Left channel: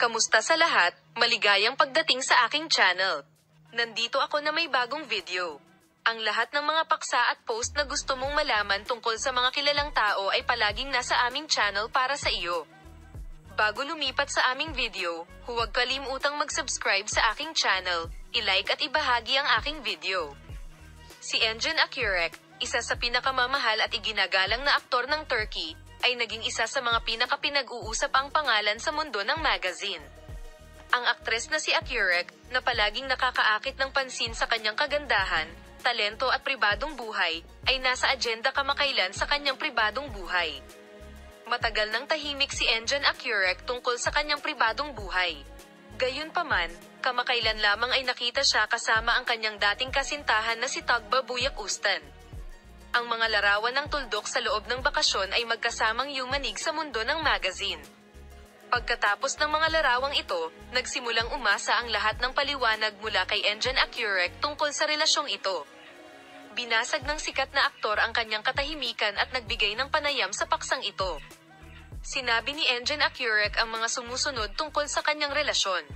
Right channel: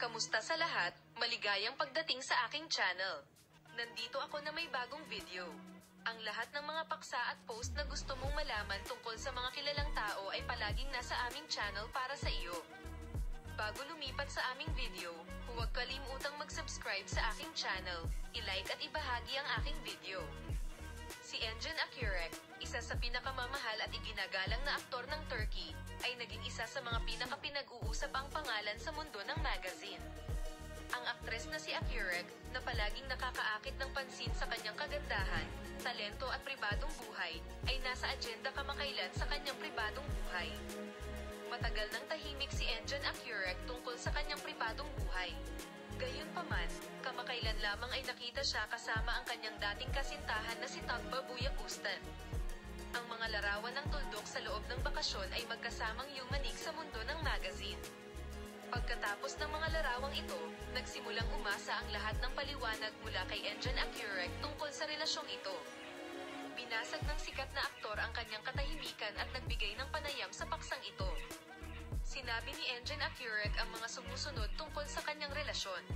Kamusta sa lahat? Maligayang pagdating sa aking channel. Nandito ako na may bagong video. Ang lahat ng mga paksa at post na gusto mong malaman tungkol sa mga kilalang tao ay palaging nasa aming channel para sa iyo. Bago lumipat sa aming video, huwag kalimutang mag-subscribe sa aking channel, i-like at ibahagi ang aking video. Si Engin Akyurek, isa sa pinakamamahal at iginagalang na aktor ng Turkey, ay naging isa sa mga pinakapinag-uusap ang pangalan sa mundo ng magazine. Ang aktres na si Akyurek, na palaging nakakaakit ng pansin sa kanyang kagandahan, talento at pribadong buhay, ay nasa agenda kamakailan sa kanyang pribadong buhay. Matagal nang tahimik si Engin Akyurek tungkol sa kanyang pribadong buhay. Gayunpaman, kamakailan lamang ay nakita siya kasama ang kanyang dating kasintahan na si Tugba Büyüküstün. Ang mga larawan ng tuldok sa loob ng bakasyon ay magkasamang yumanig sa mundo ng magazine. Pagkatapos ng mga larawang ito, nagsimulang umasa ang lahat ng paliwanag mula kay Engin Akyurek tungkol sa relasyong ito. Binasag ng sikat na aktor ang kanyang katahimikan at nagbigay ng panayam sa paksang ito. Sinabi ni Engin Akyurek ang mga sumusunod tungkol sa kanyang relasyon.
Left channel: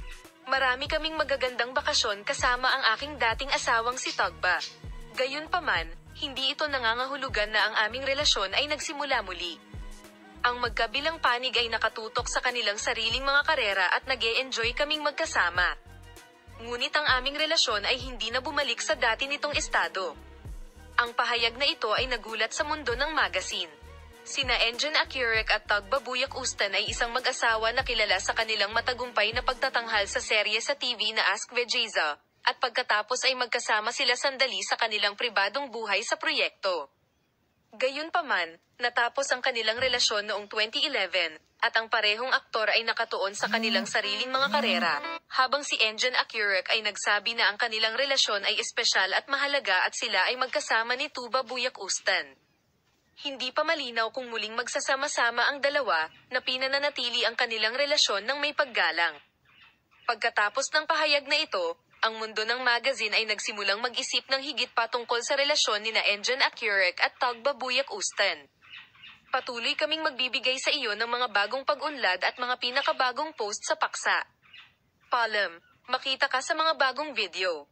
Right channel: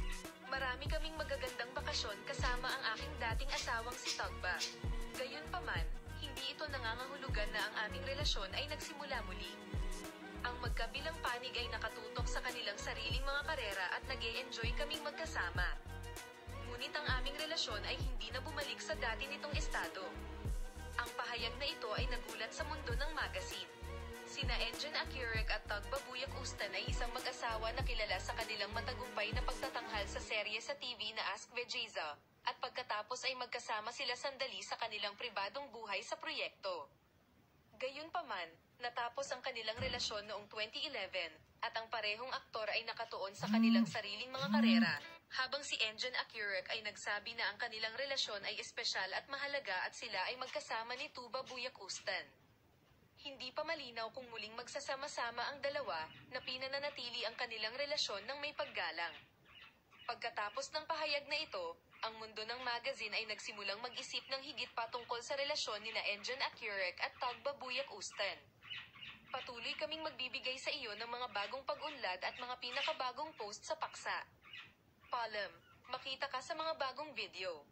Marami kaming magagandang bakasyon kasama ang aking dating asawang si Tugba. Gayunpaman, hindi ito nangangahulugan na ang aming relasyon ay nagsimula muli. Ang magkabilang panig ay nakatutok sa kanilang sariling mga karera at nag-e-enjoy kaming magkasama. Ngunit ang aming relasyon ay hindi na bumalik sa dati nitong estado. Ang pahayag na ito ay nagulat sa mundo ng magazine. Sina Engin Akyurek at Tugba Büyüküstün ay isang mag-asawa na kilala sa kanilang matagumpay na pagtatanghal sa serye sa TV na Ask Vegeza, at pagkatapos ay magkasama sila sandali sa kanilang pribadong buhay sa proyekto. Gayunpaman, natapos ang kanilang relasyon noong 2011, at ang parehong aktor ay nakatuon sa kanilang sariling mga karera, habang si Engin Akyurek ay nagsabi na ang kanilang relasyon ay espesyal at mahalaga at sila ay magkasama ni Tugba Büyüküstün. Hindi pa malinaw kung muling magsasama-sama ang dalawa, na pinananatili ang kanilang relasyon ng may paggalang. Pagkatapos ng pahayag na ito, ang mundo ng magazine ay nagsimulang mag-isip ng higit pa tungkol sa relasyon nina Engin Akyurek at Tugba Büyüküstün. Patuloy kaming magbibigay sa iyo ng mga bagong pag-unlad at mga pinakabagong post sa paksa. Paalam, makita ka sa mga bagong video.